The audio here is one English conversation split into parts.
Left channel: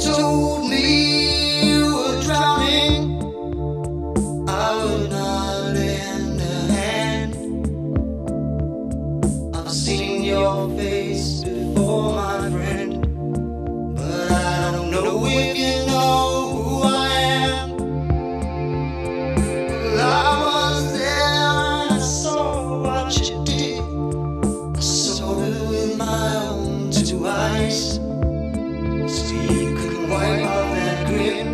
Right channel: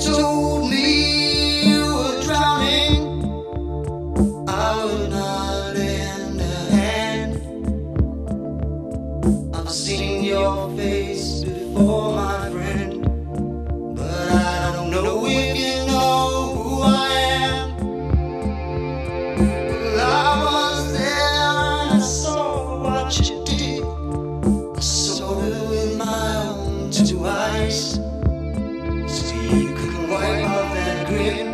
told me you were drowning, I would not lend a hand. I've seen your face before, my friend, but I don't know if you know who I am. Well, I was there and I saw what you did. I saw it with my own two eyes. So you couldn't wipe off that grin.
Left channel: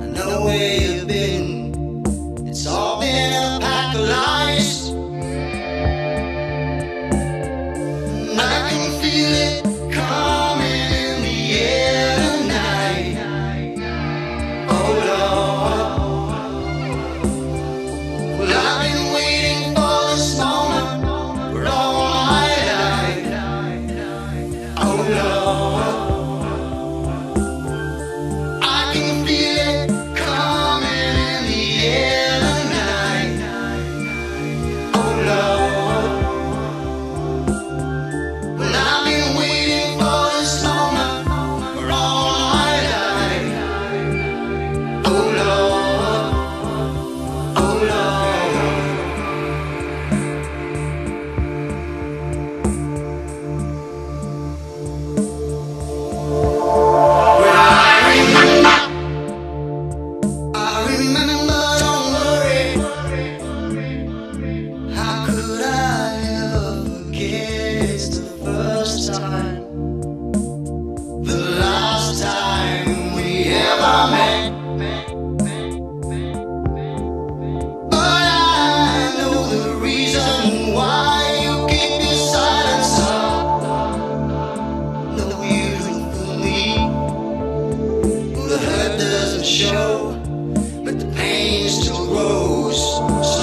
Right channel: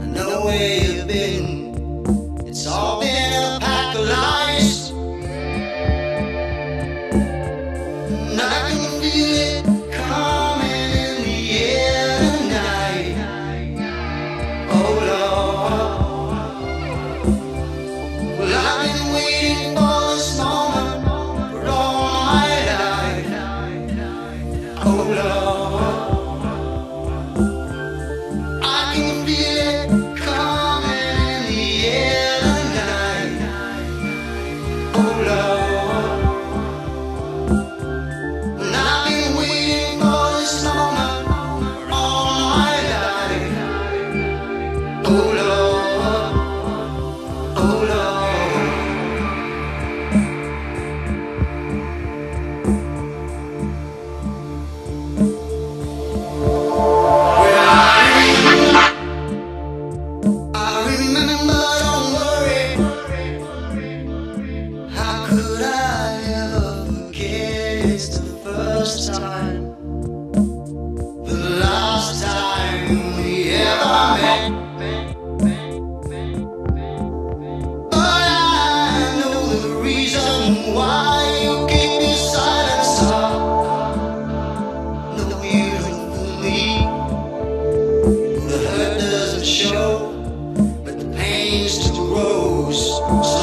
I know where you've been. It's all been a pack of lies. And I can feel it coming in the air tonight. Oh Lord. Well, I've been waiting for this moment for all my life. Oh Lord. I can feel it coming in the air tonight. Oh Lord. Well, I've been waiting for this moment for all my life. Oh Lord. Oh Lord. Well, I remember, don't worry. How could I ever forget? It's the first time, the last time we ever met. But I know the reason why you keep your silence up. No, you don't fool me. The hurt doesn't show, but the pain still grows. So